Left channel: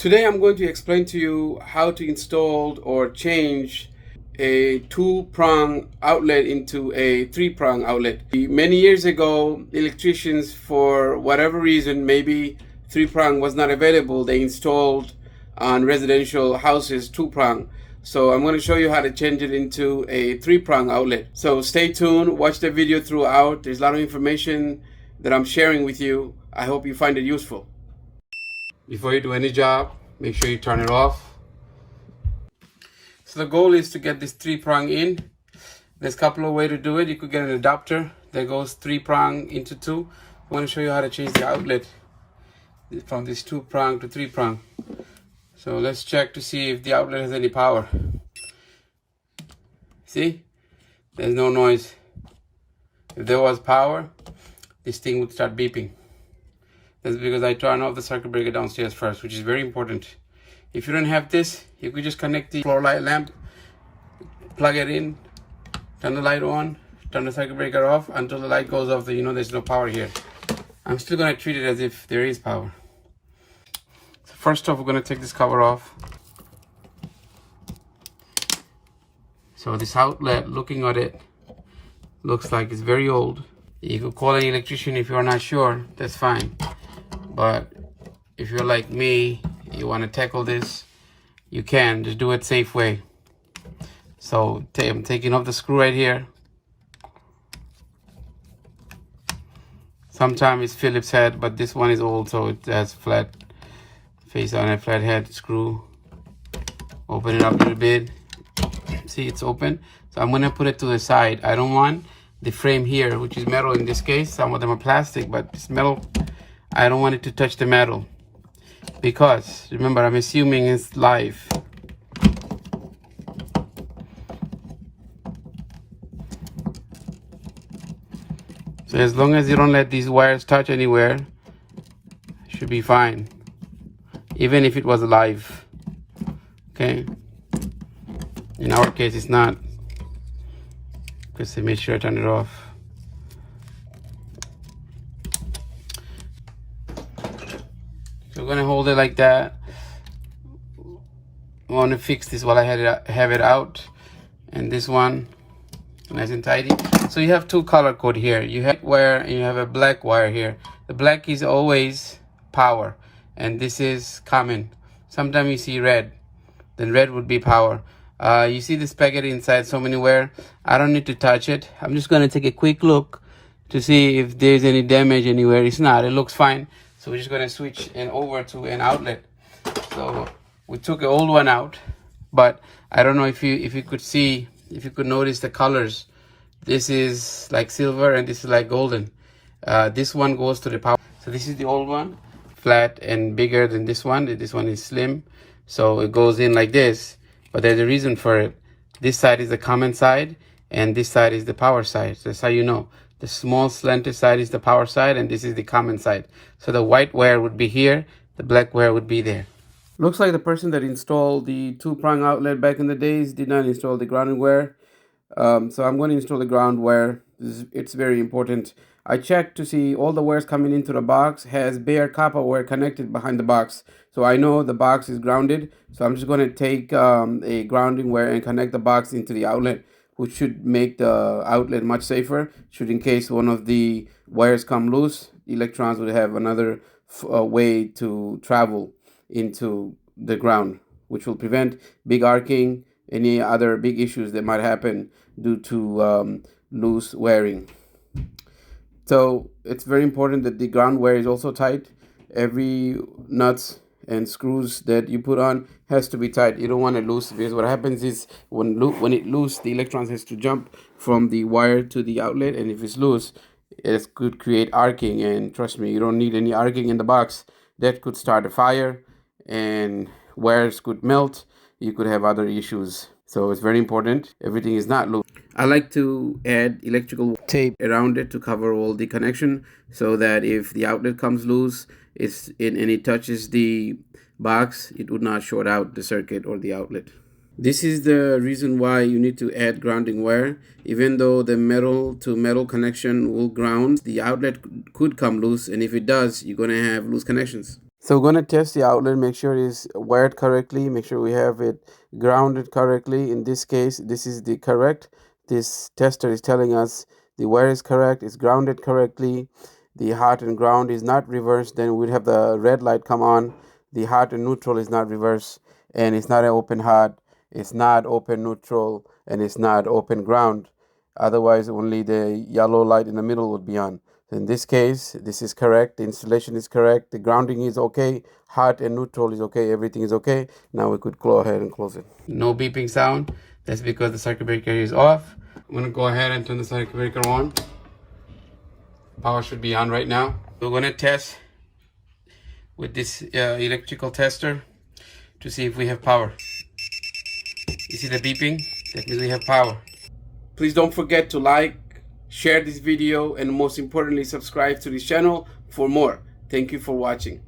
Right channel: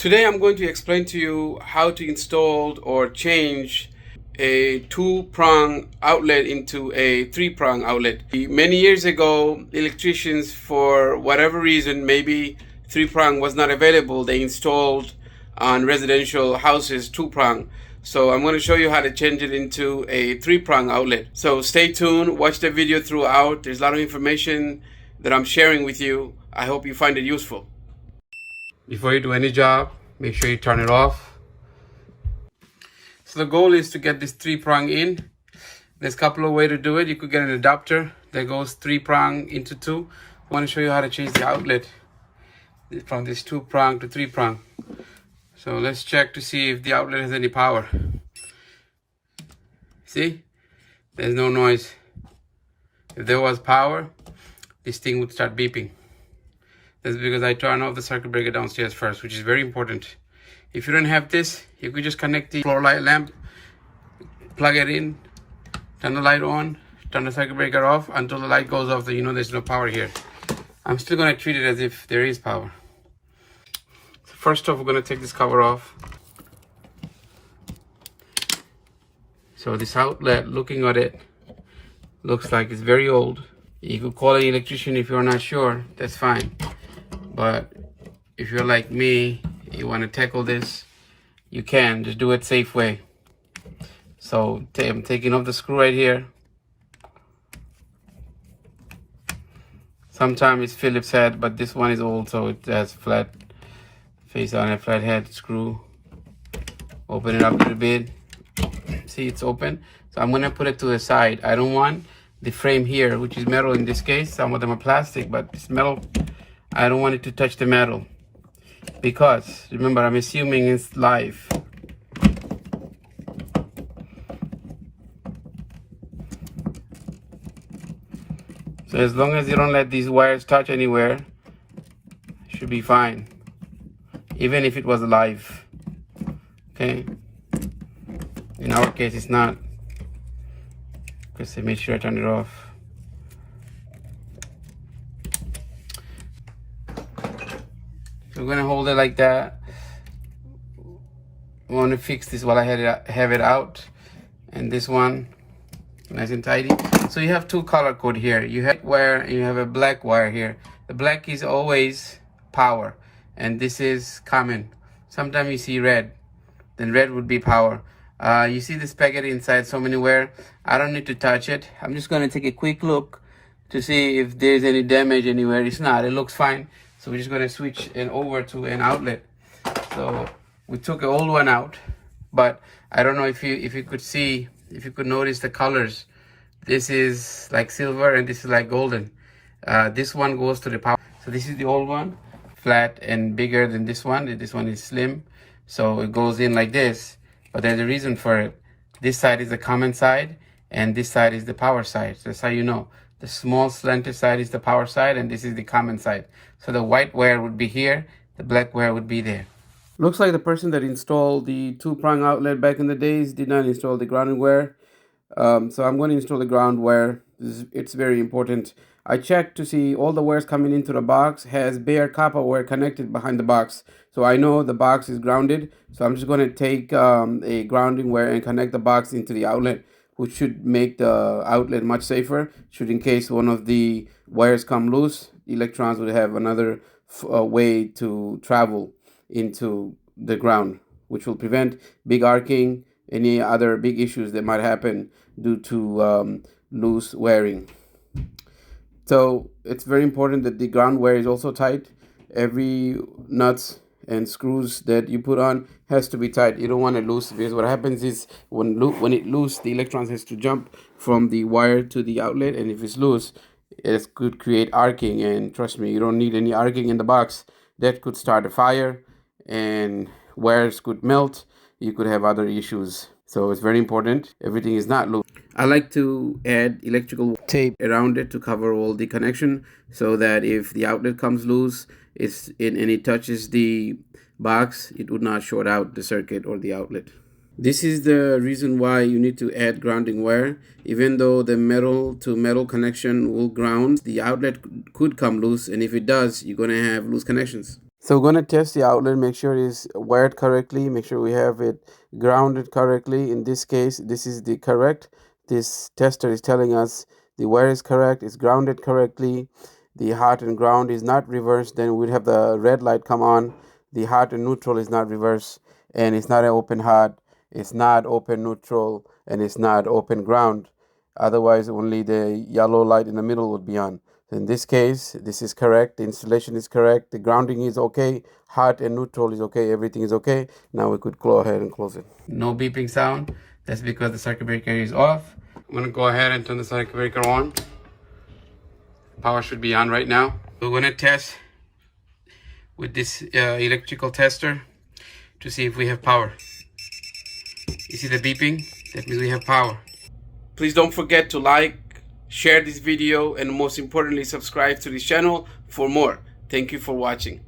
Today I'm going to explain to you how to install or change a two-prong outlet into a three-prong outlet. Many years ago, electricians, for whatever reason, maybe three-prong was not available, they installed on residential houses two-prong. So I'm going to show you how to change it into a three-prong outlet. So stay tuned, watch the video throughout. There's a lot of information that I'm sharing with you. I hope you find it useful. Before you do any job, make sure you turn it off. So the goal is to get this three-prong in. There's a couple of ways to do it. You could get an adapter that goes three-prong into two. I want to show you how to change the outlet from this two-prong to three-prong. So let's check to see if the outlet has any power. See? There's no noise. If there was power, this thing would start beeping. That's because I turn off the circuit breaker downstairs first, which is very important. If you don't have this, you could just connect the floor light lamp, plug it in, turn the light on, turn the circuit breaker off until the light goes off, so you know there's no power here. I'm still going to treat it as if there is power. So first off, we're going to take this cover off. So this outlet, looking at it, looks like it's very old. You could call an electrician if you're not sure, that's fine. But if you're like me, you want to tackle this, you can. Just do it safe way. So I'm taking off the screw right here. Sometimes it's Phillips head, but this one is old, so it has flat face on it, flat head screw. Open it up a little bit. See, it's open. So I'm gonna put it to the side. I don't want the frame here, which is metal in this case. Some of them are plastic, but it's metal. I don't want it to touch the metal because remember, I'm assuming it's live. So as long as you don't let these wires touch anywhere, it should be fine, even if it was live. Okay, in our case it's not, just to make sure I turn it off. So we're gonna hold it like that. I want to fix this while I have it out, and this one nice and tidy. So you have two color code here. You have wire and you have a black wire here. The black is always power, and this is common. Sometimes you see red, then red would be power. You see the spaghetti inside so many wire. I don't need to touch it. I'm just gonna take a quick look to see if there's any damage anywhere. It's not, it looks fine. So we're just gonna switch it over to an outlet. So we took an old one out, but I don't know if you could see, if you could notice the colors. This is like silver and this is like golden. This one goes to the power. So this is the old one, flat and bigger than this one. This one is slim, so it goes in like this. But there's a reason for it. This side is the common side, and this side is the power side. So that's how you know. The small slanted side is the power side, and this is the common side. So the white wire would be here, the black wire would be there. Looks like the person that installed the two-prong outlet back in the days did not install the grounding wire. So I'm going to install the ground wire. It's very important. I checked to see all the wires coming into the box has bare copper wire connected behind the box. So I know the box is grounded. So I'm just going to take a grounding wire and connect the box into the outlet, which should make the outlet much safer. Should, in case one of the wires come loose, the electrons would have another way to travel into the ground, which will prevent big arcing, any other big issues that might happen due to loose wiring. So it's very important that the ground wire is also tight. Every nuts and screws that you put on has to be tight. You don't want it loose, because what happens is when it loose, the electrons has to jump from the wire to the outlet, and if it's loose, it could create arcing. And trust me, you don't need any arcing in the box. That could start a fire, and wires could melt. You could have other issues. So it's very important everything is not loose. I like to add electrical tape around it to cover all the connection, so that if the outlet comes loose and it touches the box, it would not short out the circuit or the outlet. This is the reason why you need to add grounding wire. Even though the metal to metal connection will ground, the outlet could come loose, and if it does, you're going to have loose connections. So we're going to test the outlet, make sure it's wired correctly, make sure we have it grounded correctly. In this case, this is the correct. This tester is telling us the wire is correct, it's grounded correctly. The hot and ground is not reversed. Then we'd have the red light come on. The hot and neutral is not reversed, and it's not an open hot, it's not open neutral, and it's not open ground. Otherwise, only the yellow light in the middle would be on. In this case, this is correct. The installation is correct. The grounding is okay. Hot and neutral is okay. Everything is okay. Now we could go ahead and close it. No beeping sound. That's because the circuit breaker is off. I'm going to go ahead and turn the circuit breaker on. Power should be on right now. We're going to test with this electrical tester to see if we have power. You see the beeping? That means we have power. Please don't forget to like, share this video, and most importantly, subscribe to this channel for more. Thank you for watching.